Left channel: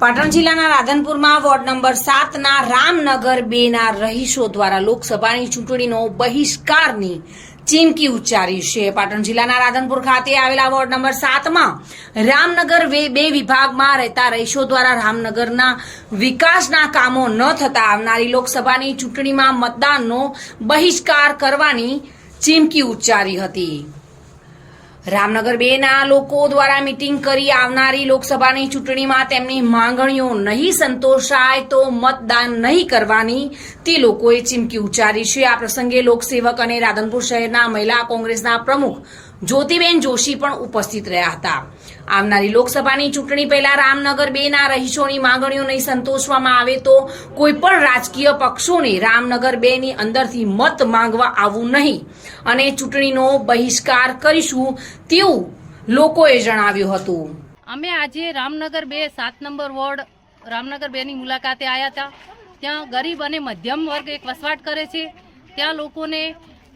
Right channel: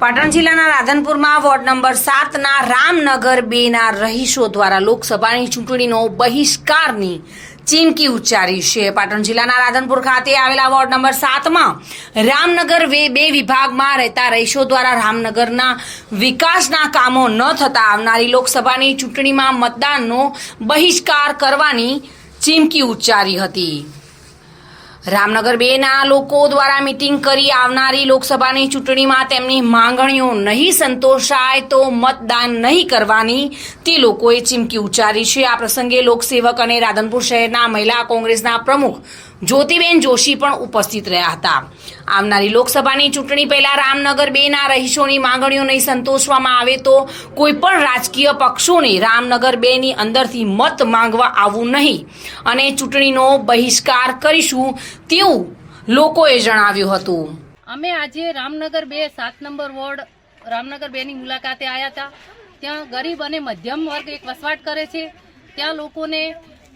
પાટણ જિલ્લાના રાધનપુરમાં ward number 7ના Ramnagar 2ના રહીશો દ્વારા લોકસભાની ચૂંટણીનો બહિષ્કારની ચીમકી ઉચ્ચારી છે। પાટણ જિલ્લાના રાધનપુર ખાતે આવેલા વોર્ડ નંબર 7માં રામનગર 2 વિભાગમાં રહેતા રહીશો દ્વારા રામનગરના વિકાસના કામો ન થતા આવનારી લોકસભાની ચૂંટણીમાં મતદાનનો બહિષ્કાર કરવાની ચીમકી ઉચ્ચારી હતી। રામનગર 2ના લોકો દ્વારા મીટિંગ કરી આવનારી લોકસભાની ચૂંટણીમાં તેમની માંગણીઓ નહીં સંતોષાય તો મતદાન નહીં કરવાની તે લોકોએ ચીમકી ઉચ્ચારી છે। આ પ્રસંગે લોકસેવક અને રાધનપુર શહેરના મહિલા કોંગ્રેસના પ્રમુખ જ્યોતિબેન જોશી પણ ઉપસ્થિત રહ્યા હતા। આવનારી લોકસભાની ચૂંટણી પહેલા રામનગર 2ના રહીશોની માંગણીઓ નહીં સંતોષવામાં આવે તો કોઈ પણ રાજકીય પક્ષોને રામનગર 2ની અંદરથી મત માંગવા આવવું નહીં અને ચૂંટણીનો બહિષ્કાર કરીશું તેવું લોકોએ જણાવ્યું હતું। અમે આજે રામનગર 2 7 નંબર વોર્ડ રામનગર 2ની મુલાકાતે આવ્યા હતા। ત્યાં ગરીબ અને મધ્યમ વર્ગ એક વસવાટ કરે છે। ત્યાં લોકોને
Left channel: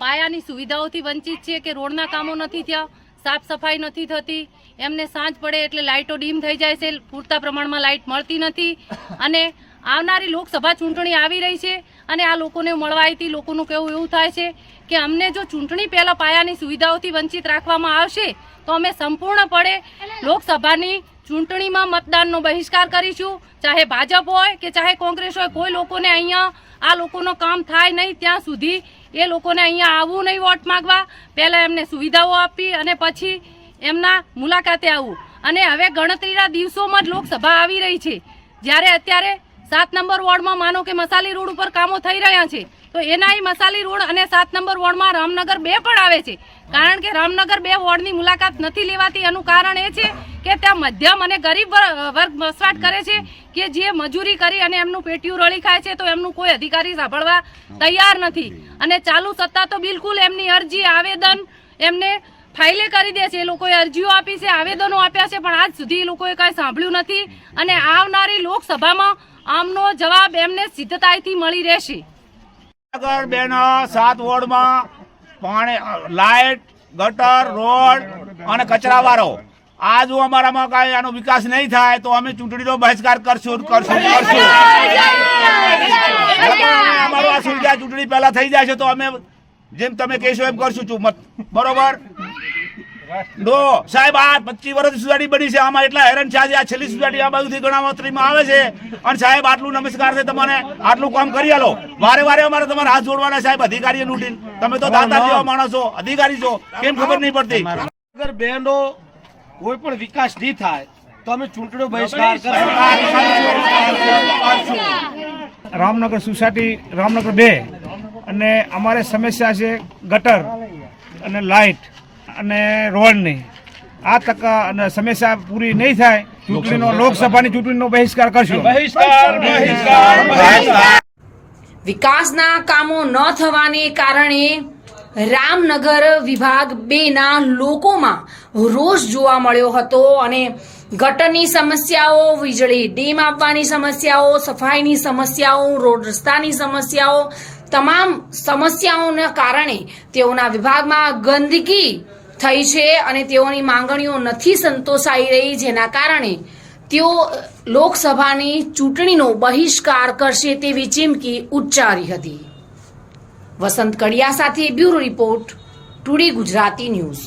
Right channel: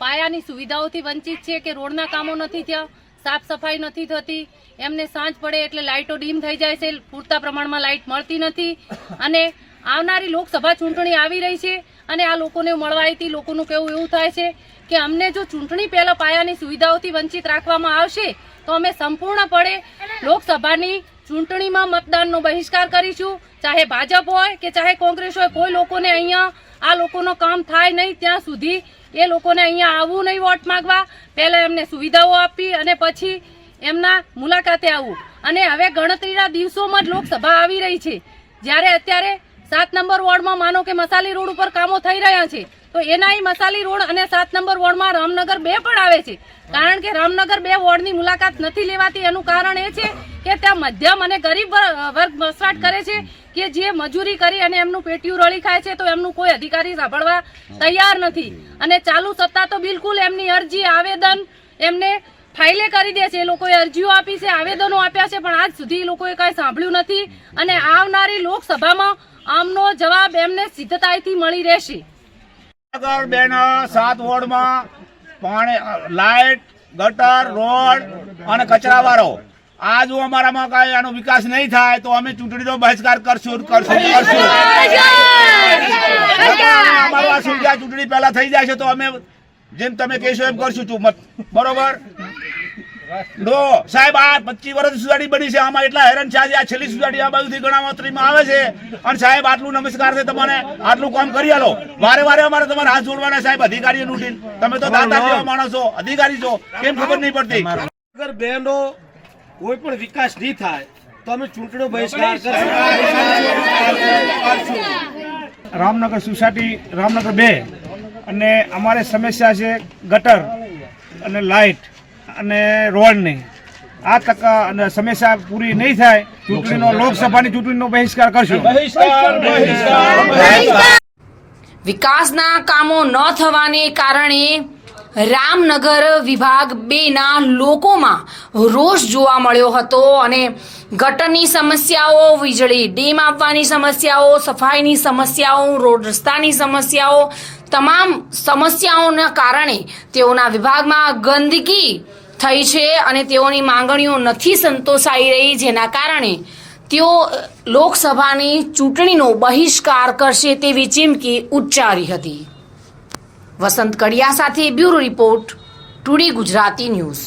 પાયાની સુવિધાઓથી વંચિત છે કે રોડના કામો નથી થયા, સાફ સફાઈ નથી થતી, એમને સાંજ પડે એટલે લાઇટો ડીમ થઈ જાય છે, પૂરતા પ્રમાણમાં લાઇટ મળતી નથી અને આવનારી લોકસભા ચૂંટણી આવી રહી છે અને આ લોકોને મળવા આવતી લોકોનું કહેવું એવું થાય છે કે અમને જો ચૂંટણી પહેલાં પાયાની સુવિધાઓથી વંચિત રાખવામાં આવશે તો અમે સંપૂર્ણપણે લોકસભાની ચૂંટણીમાં મતદાનનો બહિષ્કાર કરીશું। ચાહે ભાજપ હોય કે ચાહે કોંગ્રેસ હોય, કોઈ લોકોને અહીંયા આ લોકોનો કામ થાય નહીં ત્યાં સુધી એ લોકોને અહીંયા આવવું નહીં વોટ માંગવા, પહેલાં એમને સુવિધાઓ આપી અને પછી એમના મુલાકાતે આવવું। અને હવે ગણતરીના દિવસોમાં જ લોકસભા આવી રહી છે, જ્યારે અત્યારે 7 નંબર વોર્ડમાં માનો કે મસાલી રોડ ઉપર કામો થઈ રહ્યા છે તો એના મસાલી રોડ અને 7 નંબર વોર્ડમાં રામનગર 2 પણ આવે છે। કારણ કે રામનગર 2 વોર્ડની મુલાકાત નથી લેવાતી એનું કારણ એ છે કે ત્યાં મધ્યમ અને ગરીબ વર્ગ વસવાટ કરે છે કે જે મજૂરી કરી અને એમનું પેટીયું રળી ખાય છે તો એમનું કોઈ અધિકારી સાંભળવા તૈયાર નથી અને ચાલુ સત્તા તો બિલકુલ એમની અરજી આવેદન એમને ફાઇલે કરી દે છે। એ લોકોએ અરજીઓ આપી છે, આવેદનો આપ્યા છે, પણ આજ સુધી એ લોકોએ કંઈ સાંભળ્યું નથી અને આવનારી લોકસભામાં આમનો જવાબ એમને સિદ્ધતાઈથી મળી રહેશે। રામનગર 2ના 7 વોર્ડમાં પાણી, લાઇટ, ગટર, રોડ અને કચરાવાળો આ જો અમારામાં કાંઈ આનો વિકાસ નહીં થાય તો અમે ચૂંટણીનો બહિષ્કાર કરશું। અમારું આ સુવિધા ચૂંટણી પહેલા થઈ જાય છે તો અમે જેમ તમે કહેશો એમ કરશું। બરોબર નો સાહેબ, આ 25 વર્ષની સોસાયટી બની છે, આમાં એટલા હેરાન છે। આ છેલ્લી સોસાયટી આ બાજુથી ગણાવતરીમાં આવે છે અને સાહેબ આટલું નમસ્કાર છે તમને, આટલું કામ કરી આલો। વારે વારે અમારે તમારે હાથ જોડવાના સાહેબ અધિકારીઓ લૂંટીને। તમે તો દાતા જેવા માણસો અધિકારી છો, કેમ ખબર નહીં પડતી? અગર બેનો કોઈ પણ વિકાસ નહીં થાય તો અમે ચૂંટણીનો બહિષ્કાર કરશું। રામનગર સોસાયટી રામનગર 2 અને અમારે સમસ્યા છે ગટર અને લાઇટ અને રોડની। આ તક અને સમસ્યા પૂરી નહીં થાય ચૂંટણીનો લોકસભાની ચૂંટણીનો બહિષ્કાર કરશું। વિકાસના કામો ન થવાને કારણે રામનગર વિભાગ 2ના લોકોમાં રોષ જોવા મળ્યો હતો અને ગટરની સમસ્યાઓ, વીજળી ડીમ આપવાની સમસ્યાઓ, સફાઈની સમસ્યાઓ, રોડ રસ્તાની સમસ્યાઓ, તમામ સમસ્યાઓના કારણે તેઓના વિભાગમાં ગંદકી થઈ છે અને તેઓની માંગણીઓ નથી સંતોષાઈ રહી, જેના કારણે તેઓ લોકસભાની ચૂંટણીનો બહિષ્કાર કરશે તેવી ચીમકી ઉચ્ચારી હતી। વસંત કડિયા સાથે bureau report, today Gujarati news.